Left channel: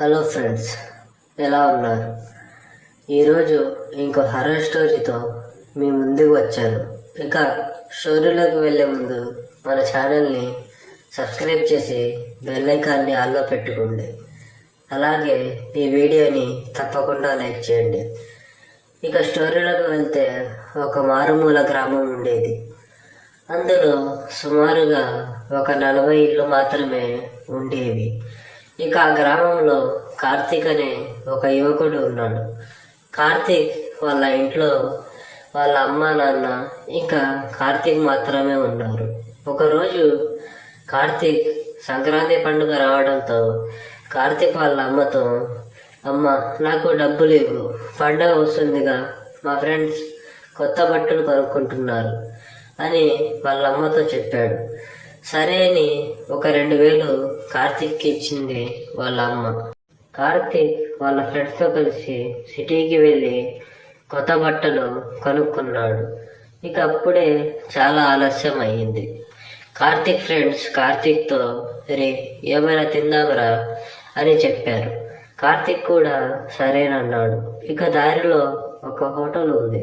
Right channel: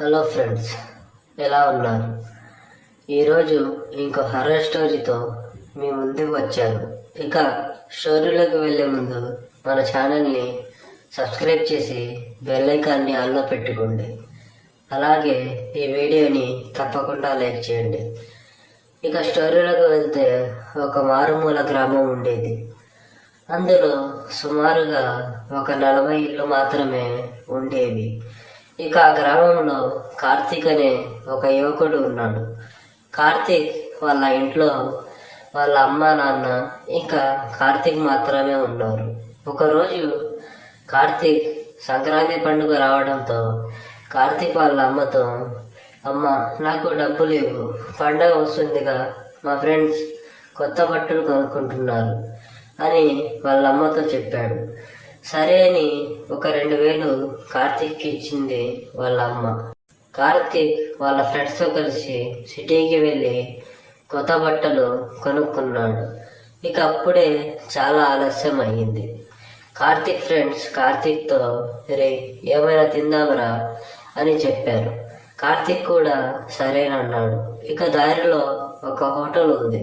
Hello friends, ఎలా ఉన్నారు? ఈరోజు ఇంకో హర్రర్ స్టోరీతో మీ ముందుకు వచ్చాను. ఇక స్టోరీలోకి వెళ్ళే ముందు మన ఛానల్ని సబ్స్క్రైబ్ చేసి బెల్ ఐకాన్ని ఆన్లో పెట్టుకోండి. అలాగే ఈ వీడియోని తప్పకుండా లైక్ చేయండి. ఇక స్టోరీలోకి వెళ్తే ఒక మారుమూల గ్రామం ఉండేది. అందులో సుమారుగా ఒక 40 ఇళ్ళు మాత్రమే ఉండేవి. ఇక ఆ గ్రామంలో కార్తీక్ అనే ఒక యువకుడు ఉన్నాడు. కార్తీక్ వాళ్ళ ఇంట్లో వాళ్ళ అమ్మ నాన్న ఇంకా కార్తీక్ మాత్రమే ఉన్నారు. ఒకరోజు కార్తీక్ సంక్రాంతి పండుగ రావడంతో కార్తీక్ వాళ్ళ అమ్మతో, అమ్మ నాకు డబ్బు లేవు, పండగ వస్తుందిగా, మా ఫ్రెండ్స్ కొత్త బట్టలు కొనుక్కుంటున్నారు అని వాళ్ళ అమ్మతో చెప్పాడు. సరే అని ఒక 2000 కార్తీక్కి ఇచ్చింది వాళ్ళ అమ్మ. కార్తీక్ వాళ్ళ ఫ్రెండ్స్తో కలిసి సిటీకి వెళ్ళి కొత్త బట్టలు కొనుక్కున్నాడు. ఇక అప్పుడే చాలా ఆలస్యం అయ్యింది. కార్తీక్ ఫ్రెండ్స్ కార్తీక్తో, రే ఏమైనా తిందాంరా అని చెప్పారు. కార్తీక్ కూడా సరేనన్నాడు. ఇక దారిలో ఒక హోటల్ ఉంది.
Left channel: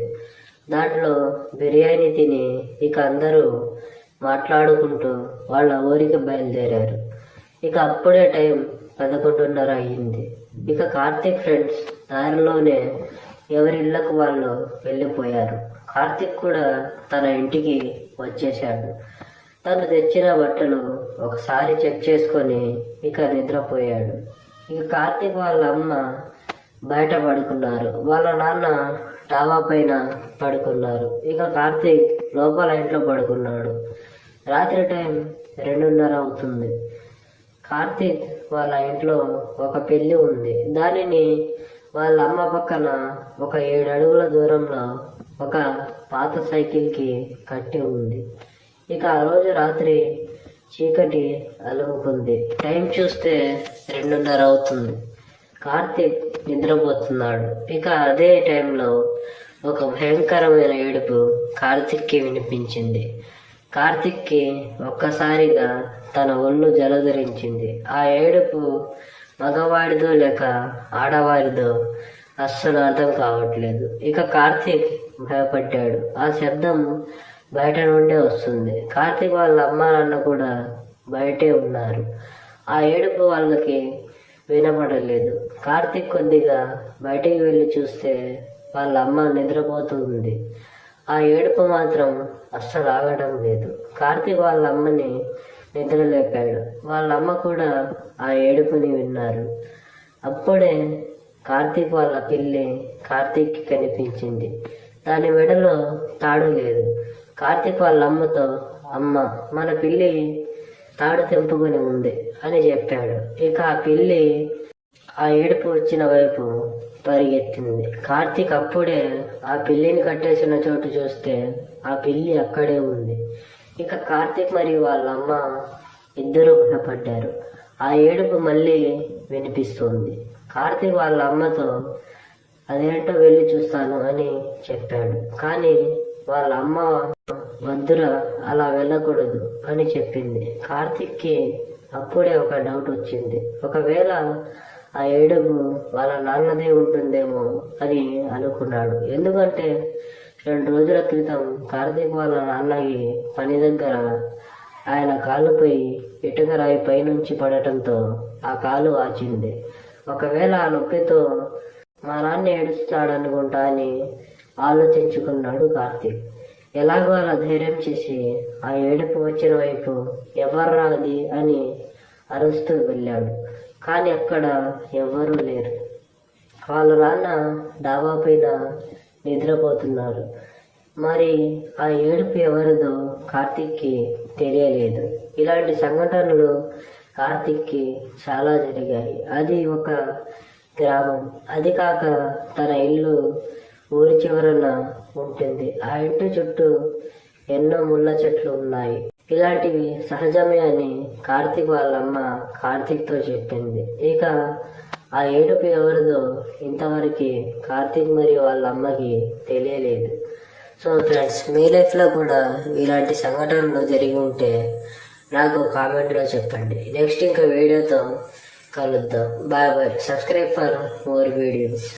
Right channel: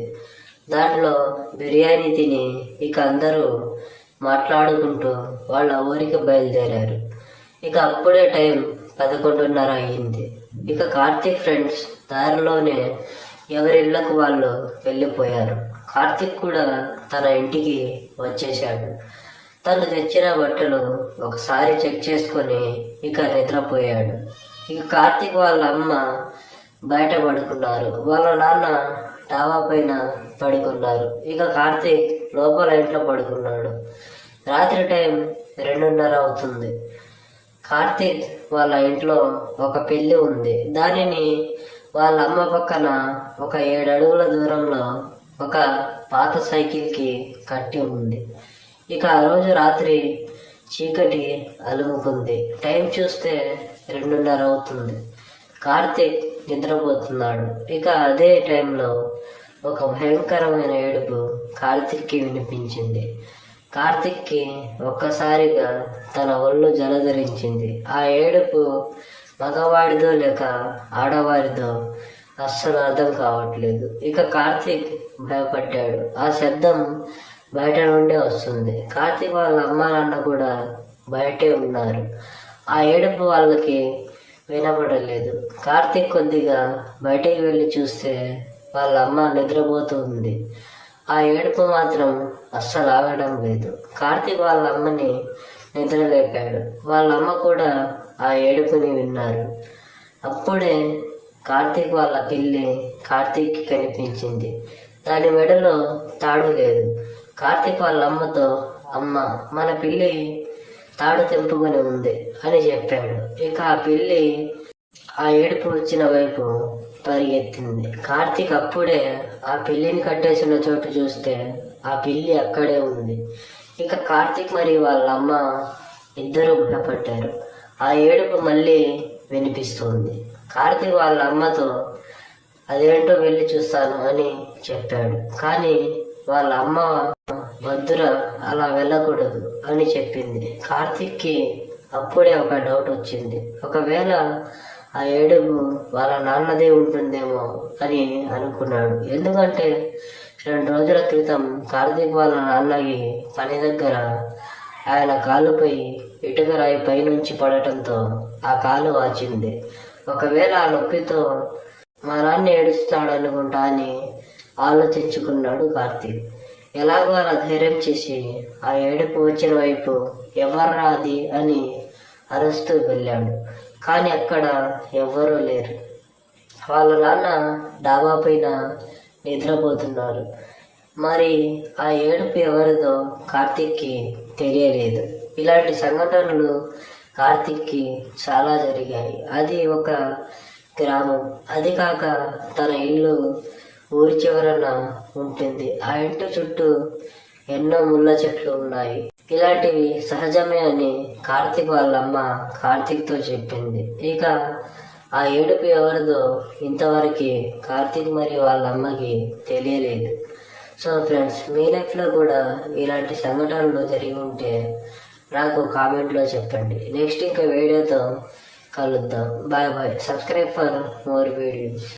దాంట్లో బిర్యానీ తిని ఇక అందరూ మాట్లాడుకుంటూ వాళ్ళ ఊరికి బయలుదేరారు. ఇక అప్పుడే టైం 11:30 అయ్యింది. ఇక కార్తీక్ ఫ్రెండ్స్ దారిలోనే ఎవరిళ్ళకు వాళ్ళు వెళ్ళిపోయారు. కార్తీక్ కూడా తన ఇంటికి వచ్చేశాడు. తను తెచ్చిన బట్టలు ఒకసారి చెక్ చేసుకొని ఇక నిద్రపోయాడు. ఇక కార్తీక్ వాళ్ళ అమ్మ బయట పడుకున్నారు. వాళ్ళ నాన్న డాబా పైన పడుకున్నారు. ఇక కార్తీక్ లోపల ఇంట్లో పడుకున్నాడు. రాత్రి టైం 2:30 అవుతుంది. కార్తీక్ వాళ్ళ ఇంట్లో ఒక పెళ్ళి ఉంది. దానిని వాళ్ళ అమ్మ పక్కన ఒక 7 అడుగుల దూరంలో ఒక పాత సైకిల్కి కట్టి ఉంది. ఇక ఆ రోజు రాత్రి చీకటి అలుముకుంది. టైం చూస్తే 2:30 అవుతుంది. కార్తీక్ నిద్రపోతున్నాడు. ఇక అదే టైంలో ఒక భయంకరమైన ఏడుపు కార్తీక్కి వినిపించింది. కార్తీక్కి ఒక్కసారిగా తన ఒళ్ళు జలధరించింది. ఆ ఏడుపు మగవాడిదో లేక ఆడవారిదో అస్సలు అర్థం కావట్లేదు. ఇక కార్తీక్ భయపడ్డాడు. ఆ శబ్దం బయట నుండే వస్తుంది. కార్తీక్ వాళ్ళ అమ్మ నాన్న కూడా బయటే ఉన్నారు. ఆ ఏడుపు వాళ్ళకి వినపడలేదు. కార్తీక్ కొద్దిగా బయటికి వెళ్ళి చూస్తే వాళ్ళ అమ్మ నిద్రపోతూ ఉంది. ఆ ఏడుపు మాత్రం అస్సలు ఆగడం లేదు. కార్తీక్ వాళ్ళ అమ్మని నిద్రలేపాడు. వాళ్ళ అమ్మ కూడా ఆ ఏడుపుని విన్నారు. అప్పుడే కార్తీక్ వాళ్ళ పిల్లి కార్తీక్కి కనిపించింది. దాని మెడలో తాడు లేదు. కార్తీక్ వాళ్ళ అమ్మతో, అమ్మ మన పిల్లి తాడు తెంపుకొని ఉంది అని చెప్పాడు. ఇక ఆ పిల్లి ఆ ఏడుపు వచ్చిన వైపు పరిగెత్తింది. కార్తీక్ అప్పుడే ఆ పిల్లిని కట్టేసిన చోటు చూస్తే ఆ పిల్లి అక్కడే ఉంది. ఇక కార్తీక్ మరియు వాళ్ళ అమ్మ ఇద్దరు భయపడ్డారు. ఆ ఏడుపు మళ్ళీ వినిపిస్తుంది. కార్తీక్ వాళ్ళ అమ్మతో అదేంటో వెళ్ళి చూస్తాను అని చెప్పాడు. కానీ వాళ్ళ అమ్మ వద్దురా, అలా వెళ్ళకూడదు అని చెప్పింది. కార్తీక్కి అప్పుడే ఒక డౌట్ వచ్చింది. ఒకవేళ ఆ ఏడుపు వాళ్ళ నాన్నదే ఉంటుందేమో అని అనుకున్నాడు. ఎందుకంటే 2 రోజుల క్రితం కార్తీక్ వాళ్ళ నాన్నకి పని దగ్గర ఆయన కాలుపై ఇటుక రాయి పైనుంచి పడటంతో ఆ కాలు వాచింది. ఒకవేళ ఆ నొప్పితో మా నాన్న ఏడుస్తున్నాడు అనుకుంటా అని ఆలోచించుకున్నాడు కార్తీక్. ఎలాగో అలా ధైర్యం చేసి ఆ ఏడుపు వచ్చిన వైపు ఎవర్రా అది అని అరుస్తూ వెళ్ళాడు. కానీ అక్కడ ఎవ్వరూ లేరు. వాళ్ళ నాన్న డాబా పైన నిద్రపోతున్నారు. మరి ఆ ఏడుపు ఎవరిదో కార్తీక్కి తెలియలేదు. ఇలాంటి సంఘటనలు కార్తీక్కి చాలా జరిగాయి. అది ఒక గ్రామం. అది కాక తన ఇల్లు ఊరి చివరన ఉంటుంది. ఆ ఇంటి చుట్టూ ఎన్నో ముళ్ళ చెట్లు ఉన్నాయి. ఇలాంటివి సహజమే అని కార్తీక్ వాళ్ళ అమ్మ కార్తీక్తో చెప్పింది. ఇక ఆ ఏడుపు ఎవరిదో ఇంతవరకు కార్తీక్ మరియు వాళ్ళ అమ్మకి తెలియలేదు. సో ఫ్రెండ్స్, మీ లైఫ్లో కూడా ఇలాంటి సంఘటనలు జరిగి ఉంటే నాకు కామెంట్లో చెప్పండి. నెక్స్ట్ ఇంకా వీడియోతో కలుద్దాం. Bye bye. Subscribe for more videos.